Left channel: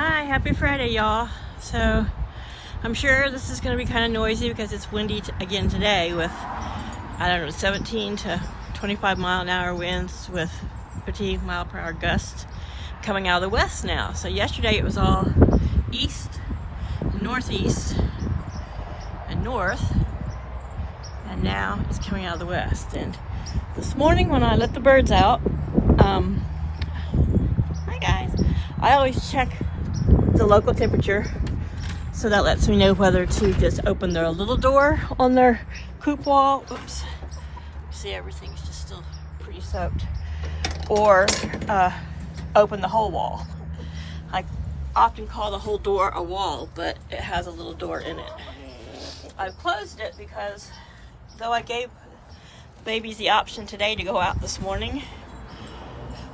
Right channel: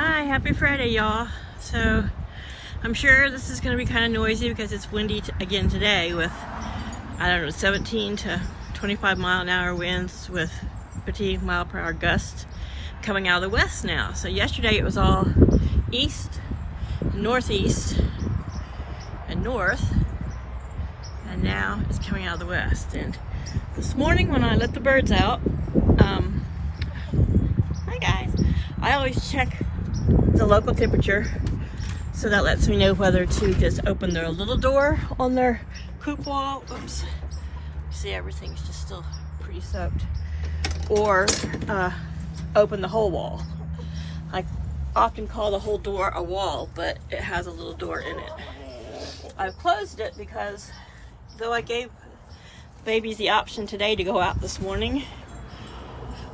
Hi, happy Friday, y'all. So I'm sure this is going to be kind of noisy because it's windy again today with, I don't know, 17 to 25 mile an hour winds with 50 mile per hour gusts coming out of the west now. So yesterday it was all east, northeast, and north, and now it's coming out of the west. And this morning when I let the birds out, hi guys, I always check the local temperature, so that lets me know whether to just open their little door on their coop wall. Oops. See, everything's just still pretty soaked. Or open the whole wall. I often call the whole door a wall, but it has a little door in it. I've closed it because though I gave babies the option today to go out this morning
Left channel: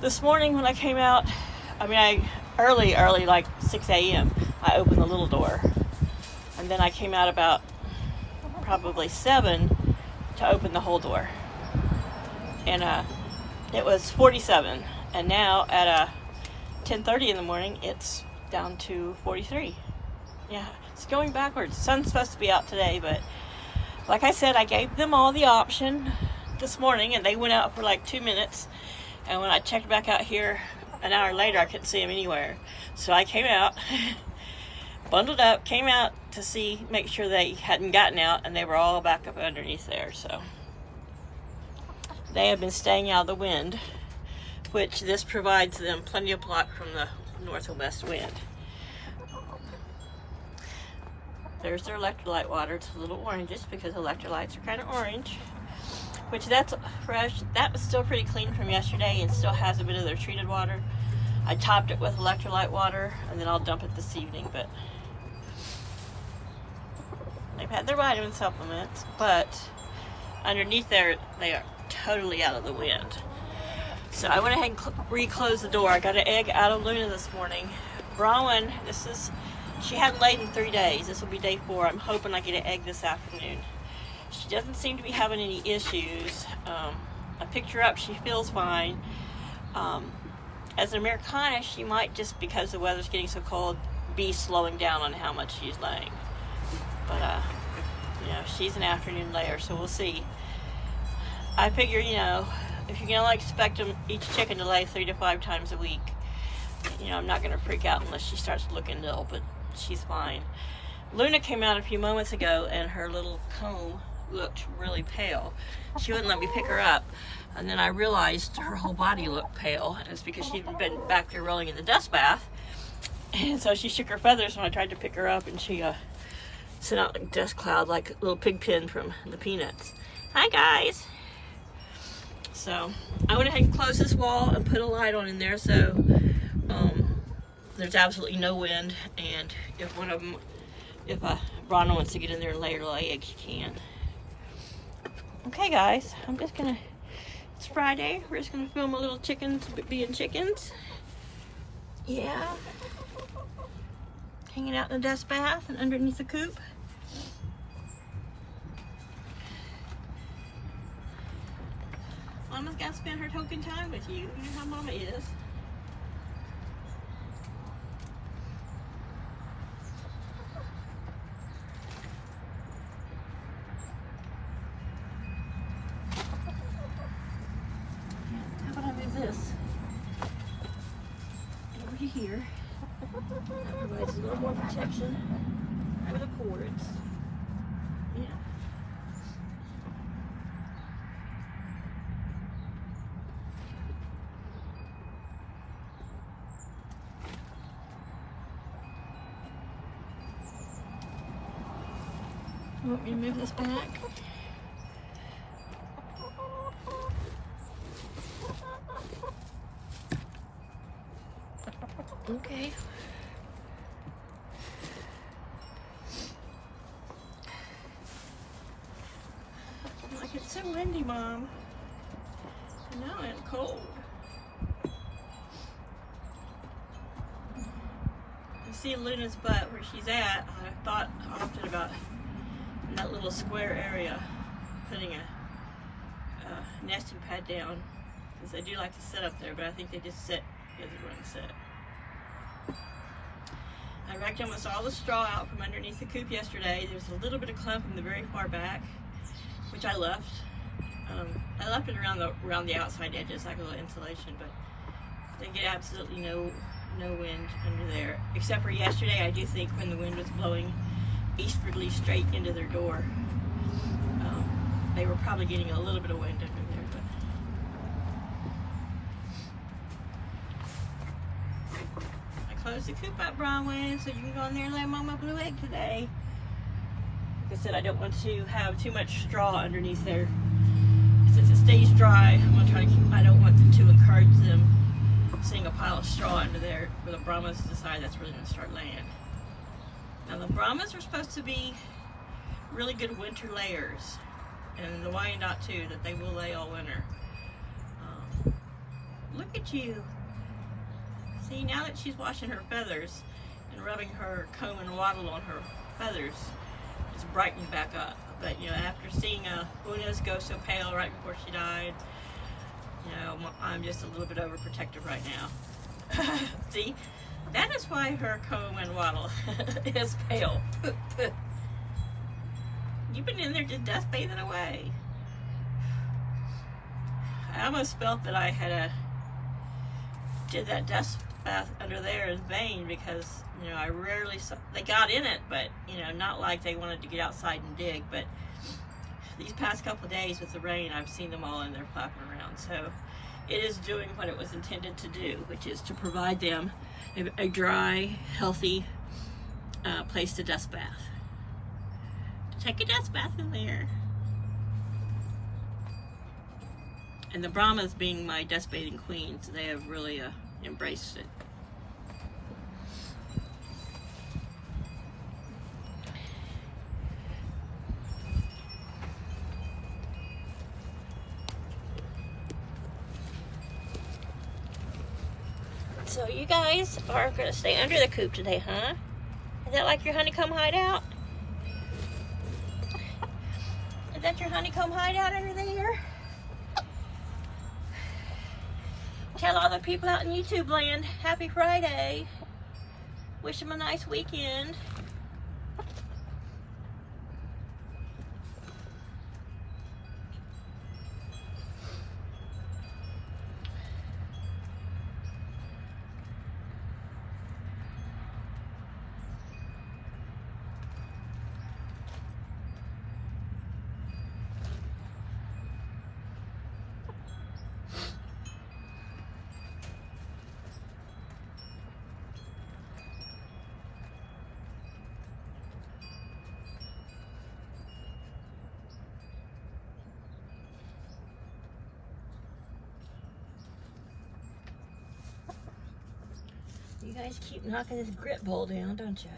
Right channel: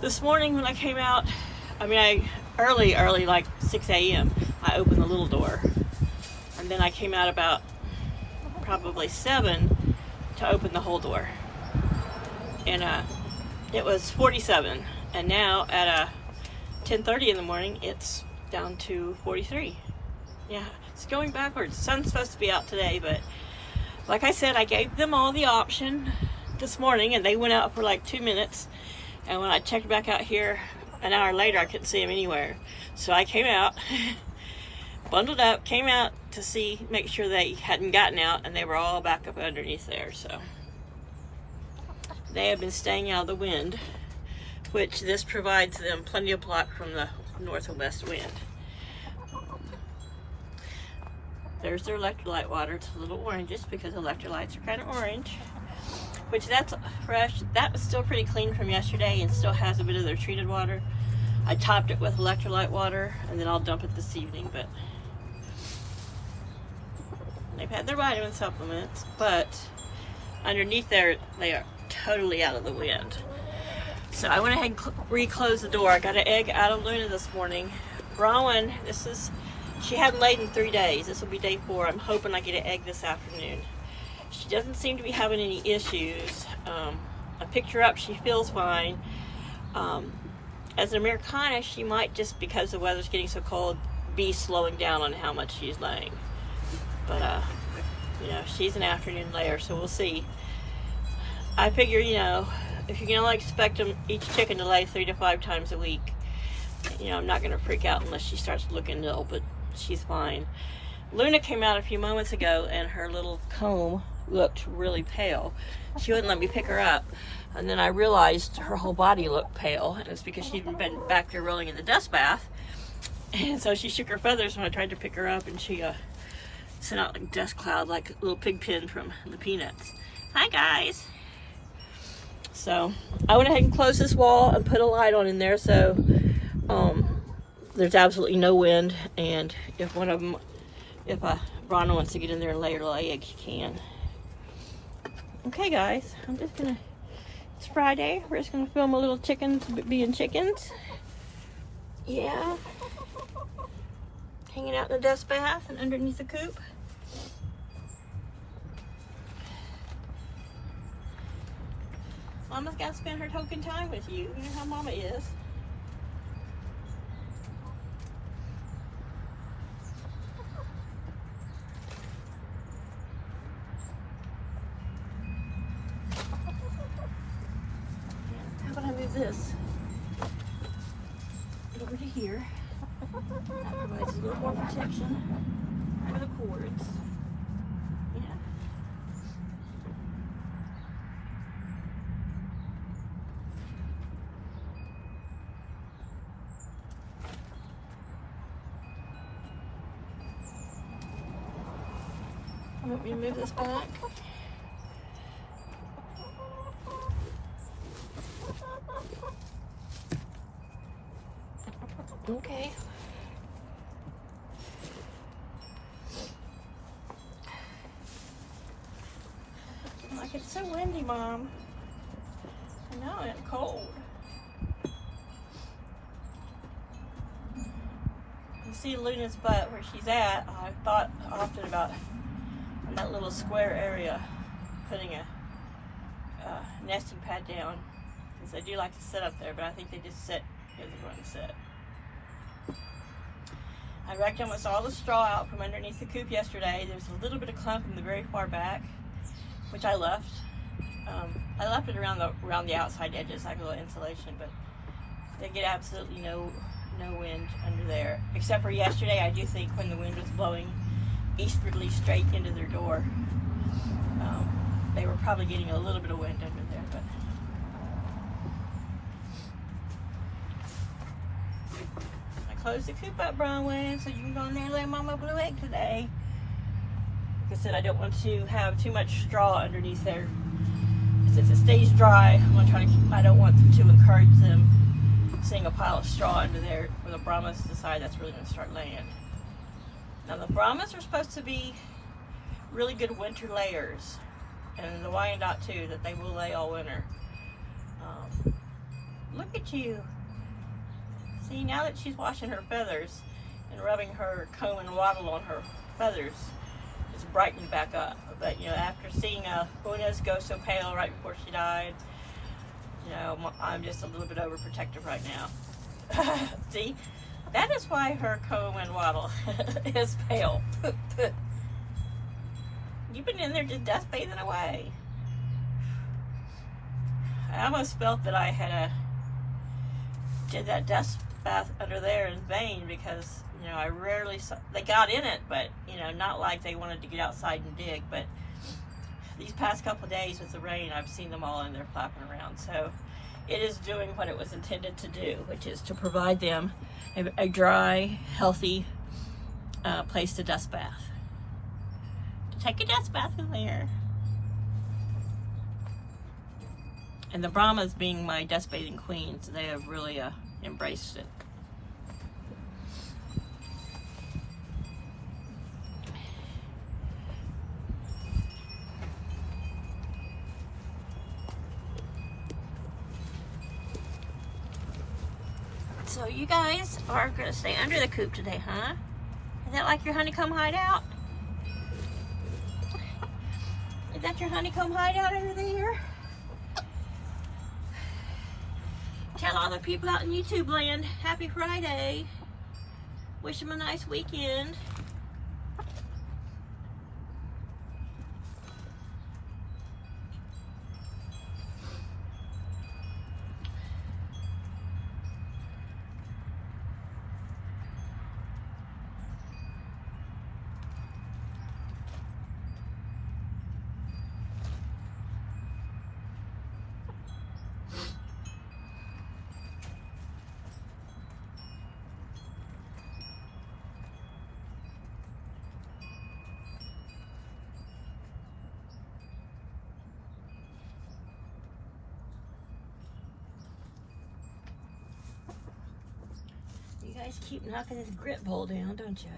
when I came out, early, like 6 a.m., I opened the little door. And then I came out about probably 7 to open the whole door. And it was 47. And now at 10:30 in the morning, it's down to 43. Yeah, it's going backwards. The sun's supposed to be out today, but like I said, I gave them all the option this morning, and they went out for like 2 minutes. And when I checked back out here an hour later, I couldn't see them anywhere. So I came out, bundled up, came out to make sure they hadn't gotten out, and they were all back up underneath there. So they have been staying out of the wind, which this provides them plenty of block from the north and west wind. There's their electrolyte water. It's a little orangish because electrolytes are kind of orange, which that's fresh. That was still pretty clean from yesterday and still has a bit of their treated water. I topped it with electrolyte water, and then I'll dump it this evening. But they've had their vitamin supplements, but underneath there, they are totally out of the wind. So I went ahead and reclosed the door. I got an egg out of Luna this morning. Bronwyn, she hadn't laid in 3 days. This will be day 4. I'm hoping I get an egg this afternoon. She doesn't seem to be having any issues. I picked her up. She feels fine. As an Americana, she might, just because the weather's getting so cold, be slowing down on how much she's laying. But, she's an afternoon layer, so we'll see. I figure, if you're going to expect each chicken to lay 3 to 5 times a week, I'm not going to freak out unless she starts looking ill, but she's fine. Luna came out a few moments ago, and her little comb looked really pale. She wouldn't let me pick her up, and then I realized her whole body looked pale, and it's because she'd been back there rolling in the dust bath. And so she shook her feathers when I tried to pick her up, and she sent out a dust cloud like a little pig pen from the Peanuts. Hi guys. So I went ahead and closed this wall and put a light on in there, so there's absolutely no wind, and if Bronna wants to get in there and lay her eggs, she can. Okay guys, it's Friday. We're just gonna film a little chickens being chickens. Yeah. Hanging out in the dust bath and underneath the coop. Mama's gotta spend her token time with you. You know how Mama is. This over to here. That provides a little more protection for the cords. Yeah. You want me to move this back? Okay. Like, it's so windy, Mom. I know, and cold. You see Luna's butt where she's at. I thought often about in that little square area putting a nesting pad down, because they do like to sit up there, but I think they just sit because they're going to sit. raked almost all the straw out from underneath the coop yesterday. There's a little bit of clump in the very far back, which I left. I left it around the outside edges, like a little insulation, but they get absolutely no wind under there. Except for yesterday, I do think when the wind was blowing eastwardly straight into their door, they were probably getting a little bit of wind under there. But I closed the coop up, Bronwyn, so you can go in there and lay Mama Blue egg today. Like I said, I don't want to have too much straw underneath there. If it stays dry, I'm gonna try to I don't want to encourage them seeing a pile of straw under there where the Brahmas decide that's really gonna start laying. Now the Brahmas are supposed to be really good winter layers, and the Wyandotte too, that they will lay all winter. Look at you. See, now that she's washing her feathers and rubbing her comb and wattle on her feathers, it's brightened back up. But you know, after seeing Una's go so pale right before she died, you know, I'm just a little bit overprotective right now. See, that is why her comb and wattle is pale. You've been in there just dust bathing away. I almost felt that I had did that dust bath under there in vain, because you know, I rarely saw, they got in it, but you know, not like they wanted to get outside and dig. But these past couple of days with the rain, I've seen them all in there flapping around. So it is doing what it was intended to do, which is to provide them a dry, healthy place to dust bath. Take a dust bath in there. And the Brahmas, being my dust bathing queens, they have really embraced it. So you guys are gonna stay under the coop today, huh? Is that like your honeycomb hideout? Is that your honeycomb hideout over there? Tell all the people out in YouTube land, happy Friday. Wish them a nice weekend. You guys keep knocking this grit bowl down, don't you?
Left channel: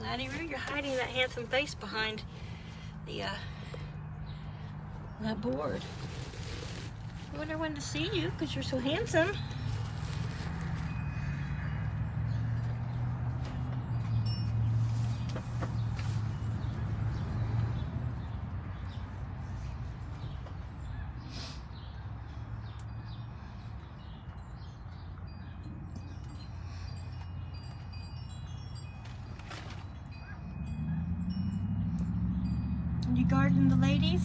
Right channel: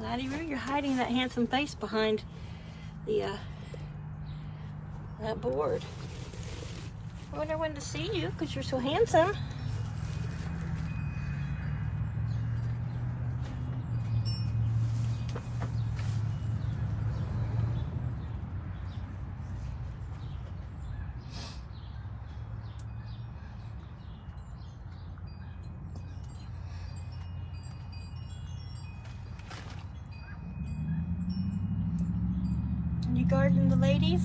Laddie, really, you're hiding that handsome face behind the board. I want everyone to see you because you're so handsome. You garden the ladies?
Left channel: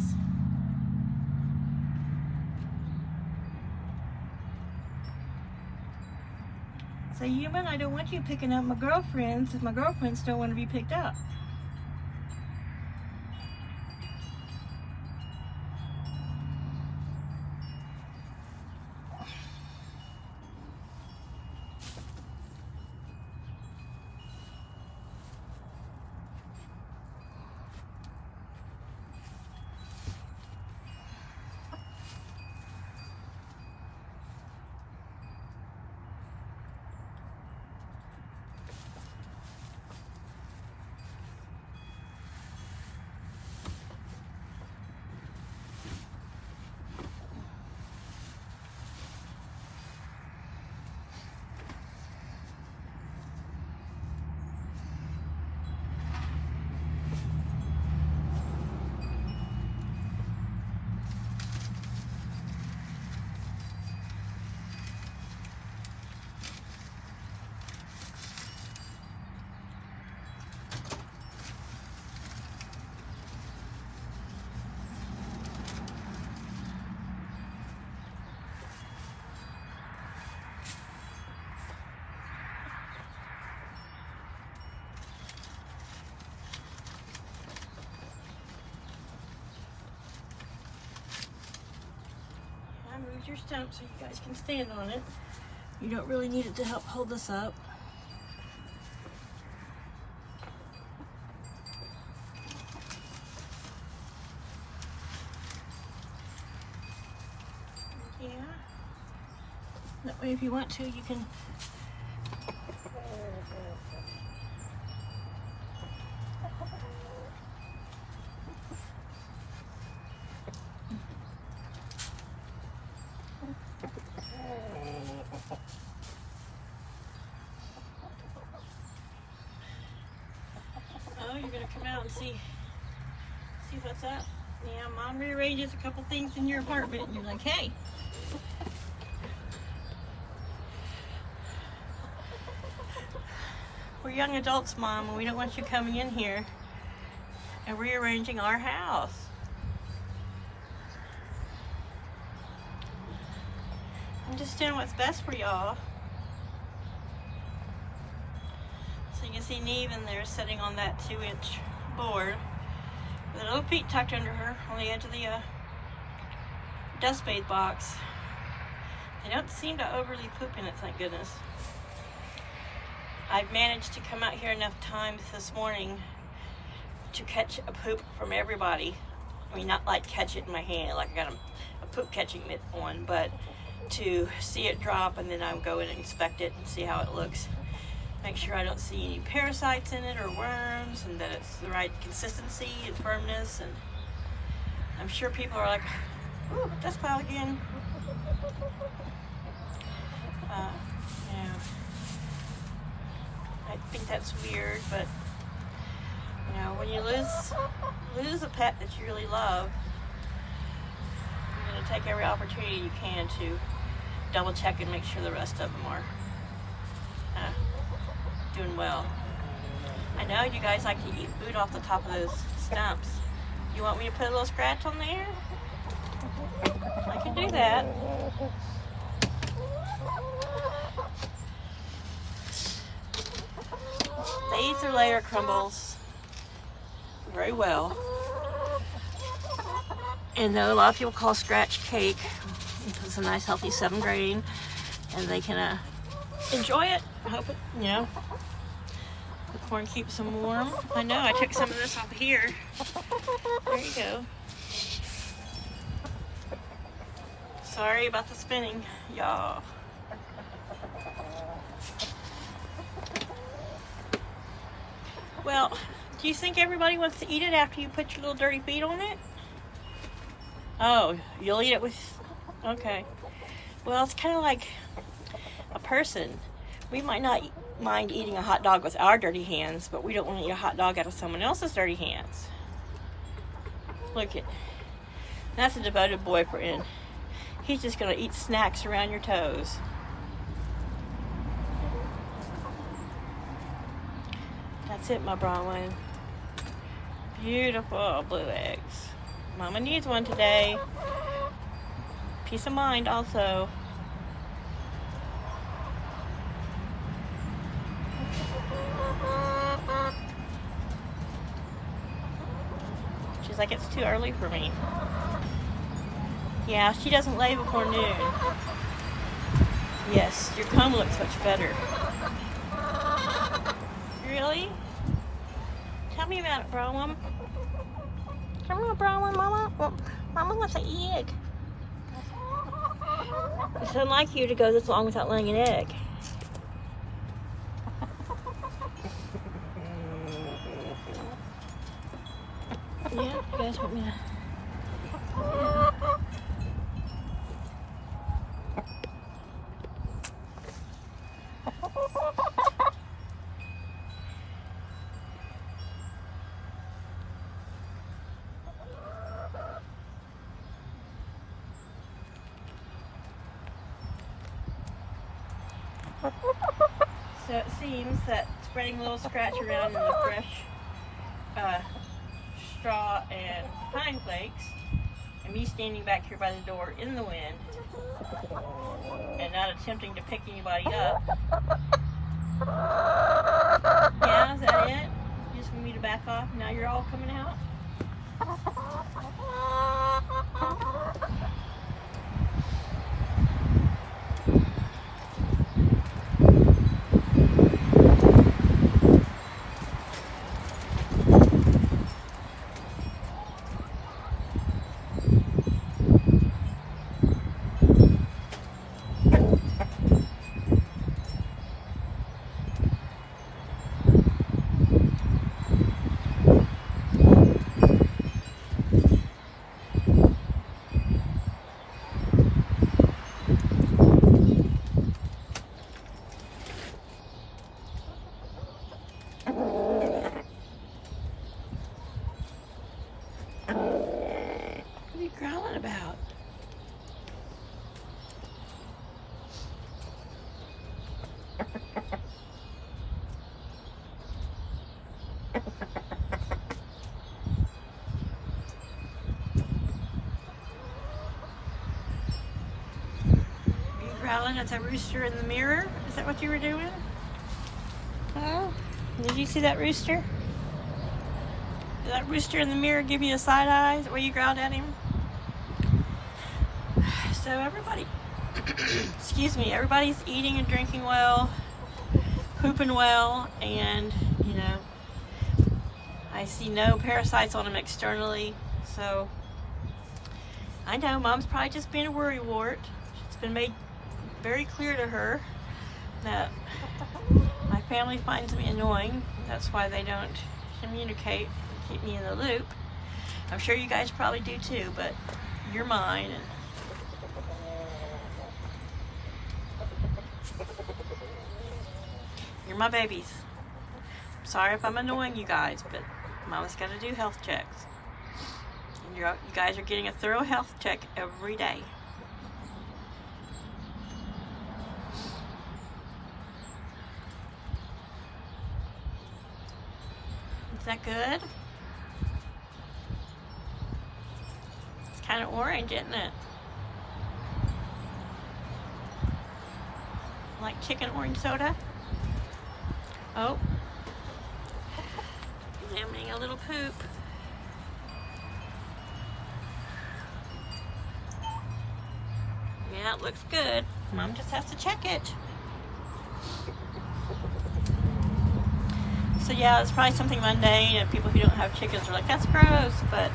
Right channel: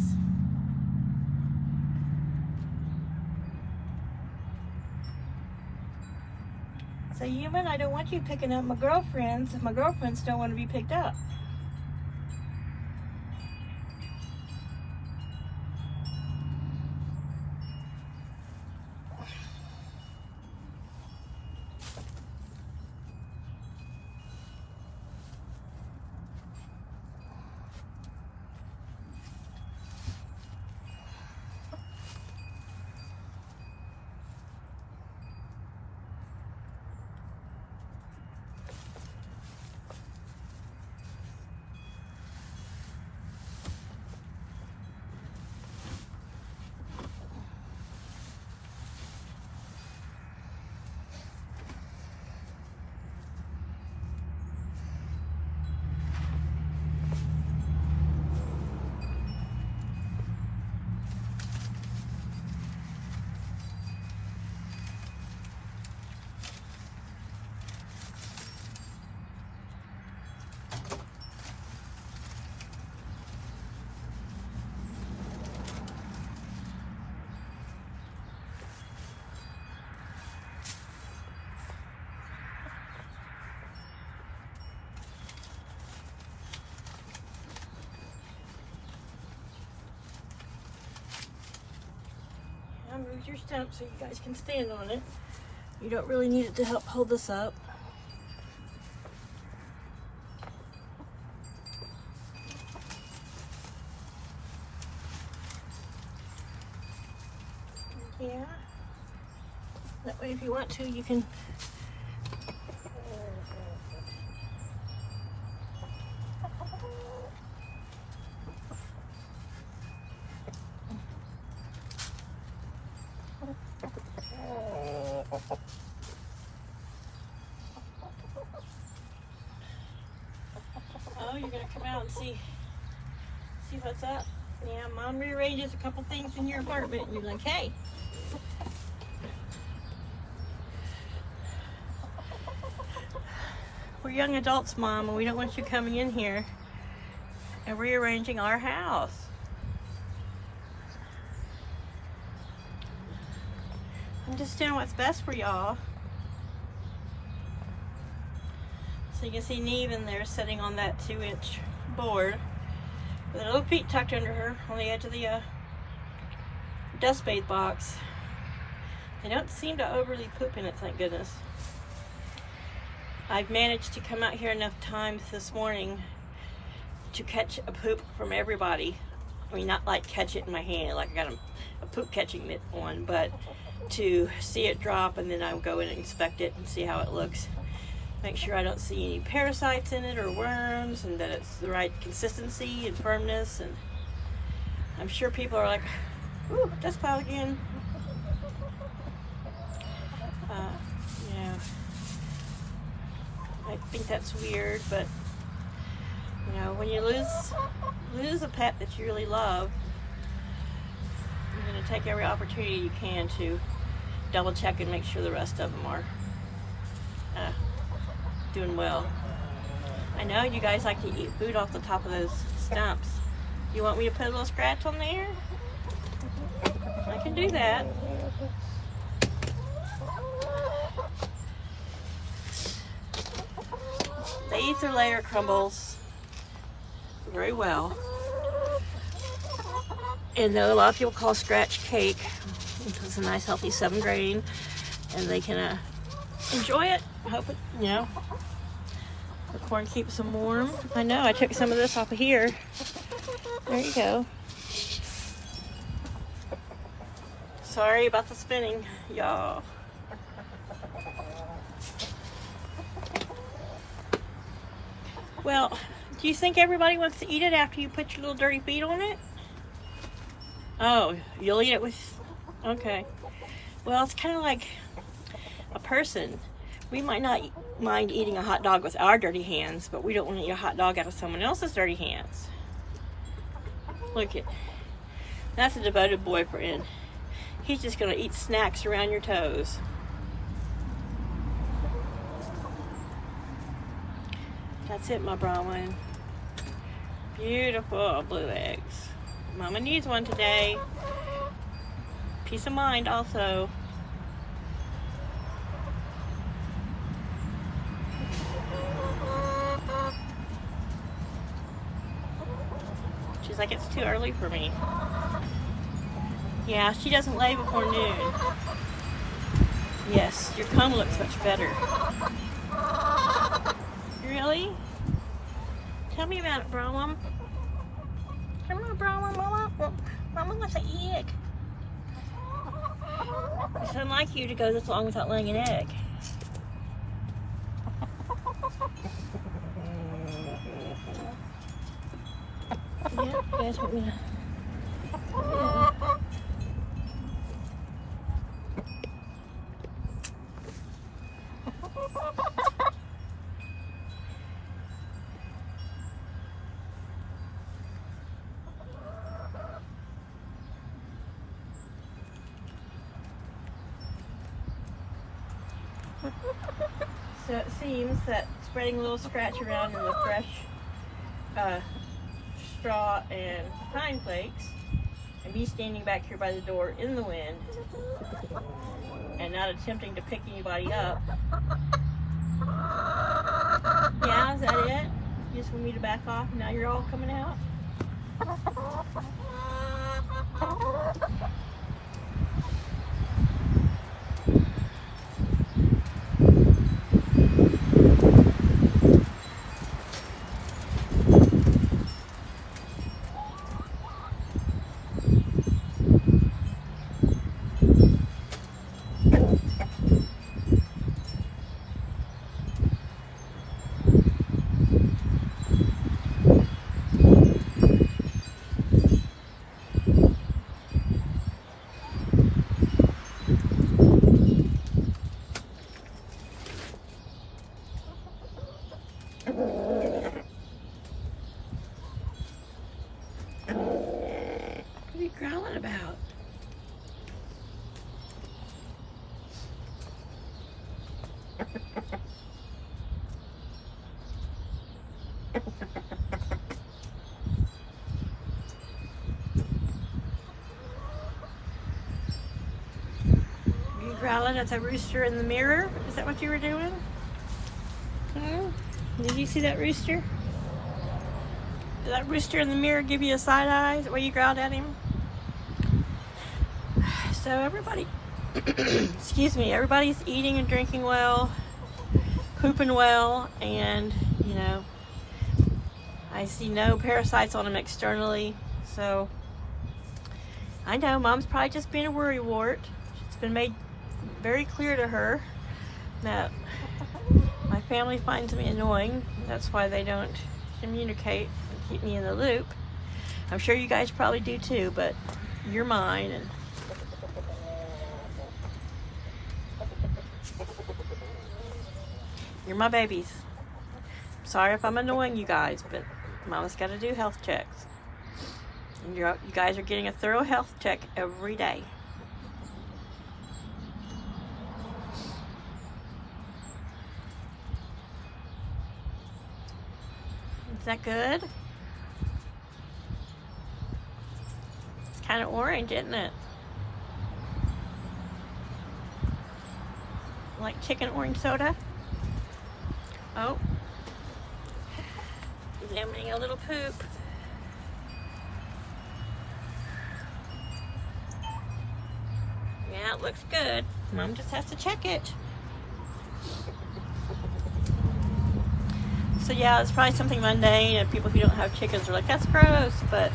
Say, human, I don't want you picking up my girlfriends if my girlfriends don't want to be picked up. your stump so you guys can stand on it. You don't really need it to help hold this up. Yeah. That way if you want to, you can you're gonna come out and see what's up. Yeah, Mom rearranges a couple things in your apartment and you're like, hey. We're young adults, Mom, and we don't want you coming in here and rearranging our house. I'm just doing what's best for y'all. So you can see Neve in there sitting on that 2-inch board with her little feet tucked under her on the edge of the dust bathe box. They don't seem to overly poop in it, thank goodness. I've managed to come out here enough times this morning to catch a poop from everybody. I mean, not like catch it in my hand, like I got a poop catching mitt on, but to see it drop and then I'll go in and inspect it and see how it looks. Make sure I don't see any parasites in it or worms, and that it's the right consistency and firmness. And I'm sure people are like, ooh, dust cloud again. Yeah. I think that's weird, but you know, when you lose a pet that you really love, you're going to take every opportunity you can to double check and make sure the rest of them are doing well. I know you guys like to eat food off the top of those stumps. You want me to put a little scratch on there? I can do that. They eat their layer crumbles very well. And though a lot of people call scratch cake, it's a nice healthy 7 grain, and they can enjoy it. Hope it, you know, the corn keeps them warm. I know, I took some of this off of here. There you go. Sorry about the spinning, y'all. Well, do you think everybody wants to eat it after you put your little dirty feet on it? Oh, you'll eat it with... Okay. Well, it's kind of like a person. We might not mind eating a hot dog with our dirty hands, but we don't want to eat a hot dog out of someone else's dirty hands. Look at... That's a devoted boyfriend. He's just going to eat snacks around your toes. That's it, my brown one. Beautiful blue eggs. Mama needs one today. Peace of mind also. She's like, it's too early for me. Yeah, she doesn't lay before noon. Yes, your comb looks much better. Really? Tell me about it, brown one. Come on, brown one, Mama. Well, Mama wants an egg. It's unlike you to go this long without laying an egg. Yeah, you guys want me to... Yeah. So it seems that spreading a little scratch around in the fresh straw and pine flakes, and me standing back here by the door in the wind and not attempting to pick anybody up. Yeah, is that it? You just want me to back off and now you're all coming out? growling at the rooster in the mirror? Is that what you were doing? Oh, did you see that rooster? Did that rooster in the mirror give you a side eye? Is that why you growled at him? So everybody, excuse me, everybody's eating and drinking well, pooping well, and, you know, I see no parasites on them externally, so I know Mom's probably just being a worrywart. It's been made very clear to her that my family finds me annoying. That's why they don't communicate and keep me in the loop. I'm sure you guys probably do too, but you're mine, and you're my babies. Sorry if I'm annoying you guys, but Mama's got to do health checks. And you guys are getting a thorough health check every day. Is that good? It's kind of orange, isn't it? Like chicken orange soda? Oh. Examining a little poop. Yeah, it looks good. Mom just has to check it. So yeah, it's probably something mundane, and people who don't have chickens are like, that's gross, but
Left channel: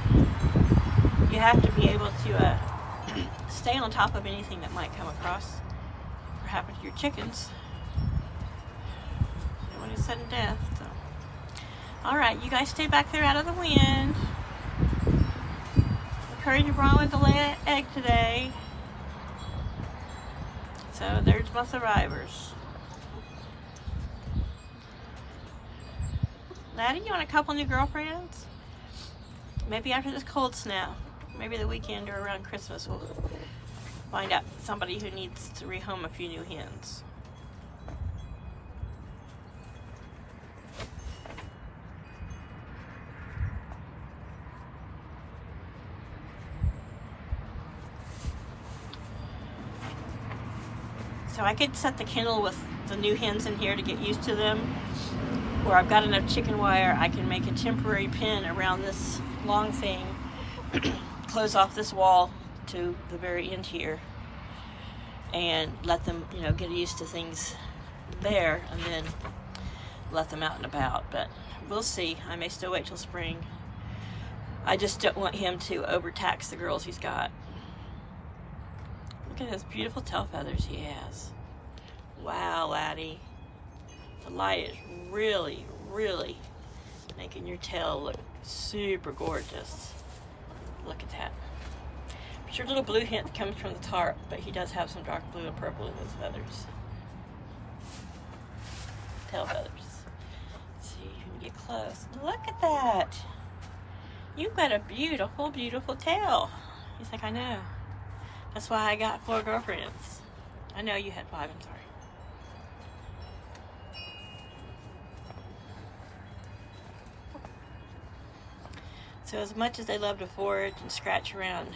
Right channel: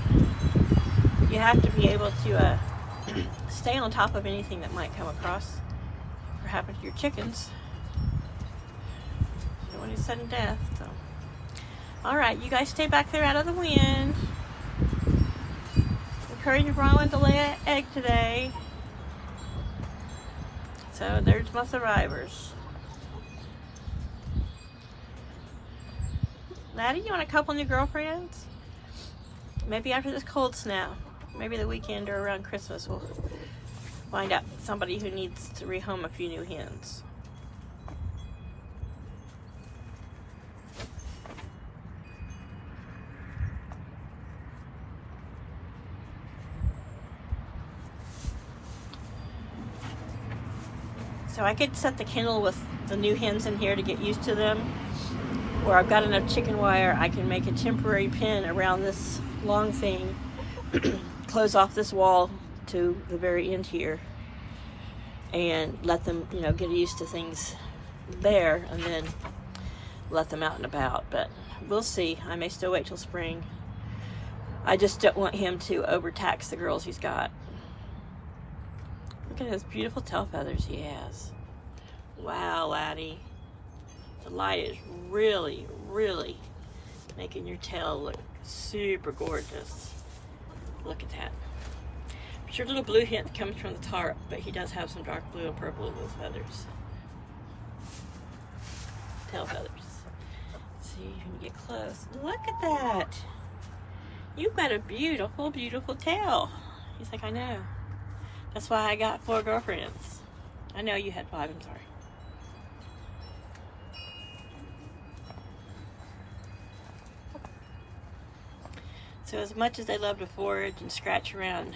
you have to be able to stay on top of anything that might come across or happen to your chickens. No one is sudden death, so. All right, you guys stay back there out of the wind. Encourage Bronwyn to lay an egg today. So there's my survivors. Laddie, you want a couple new girlfriends? Maybe after this cold snap. Maybe the weekend or around Christmas we'll find out somebody who needs to rehome a few new hens. So I could set the kennel with the new hens in here to get used to them. Where I've got enough chicken wire, I can make a temporary pen around this long thing, close off this wall to the very end here, and let them, you know, get used to things there, and then let them out and about. But we'll see. I may still wait till spring. I just don't want him to overtax the girls he's got. Look at those beautiful tail feathers he has. Wow, Laddie. The light is really, really making your tail look super gorgeous. Look at that. I'm sure little blue hint comes from the tarp, but he does have some dark blue and purple in those feathers. Tail feathers. Let's see if you can get close. Look at that. You've got a beautiful, beautiful tail. He's like, I know. That's why I got 4 girlfriends. I know you had 5, I'm sorry. So as much as they love to forage and scratch around,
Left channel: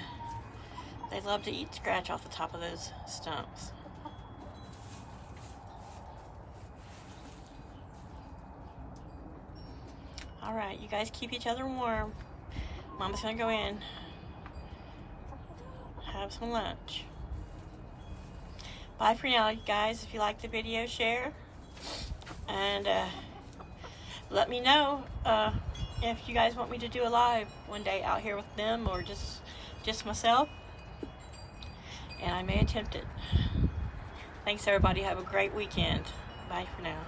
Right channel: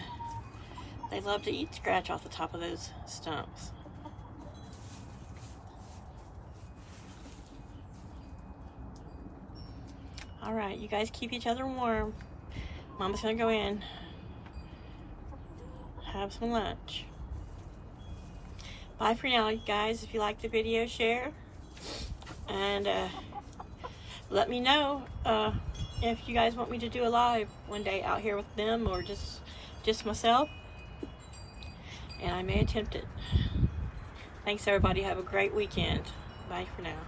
they love to eat scratch off the top of those stumps. All right, you guys keep each other warm. Mama's gonna go in, have some lunch. Bye for now, you guys. If you like the video, share. And let me know if you guys want me to do a live one day out here with them, or just myself, and I may attempt it. Thanks everybody. Have a great weekend. Bye for now.